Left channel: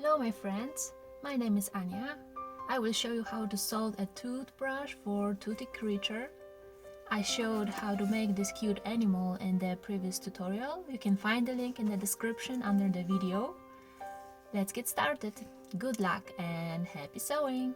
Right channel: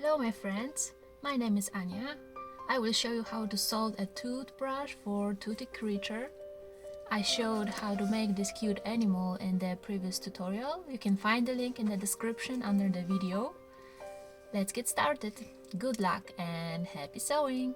Hello my friends, my name is Ania. I will show you how to solve a toothbrush for toothy creature. I showed how to make this cute animal in the previous tutorial. You can find the link in the description under the video. Let's get started. Good luck and happy sewing!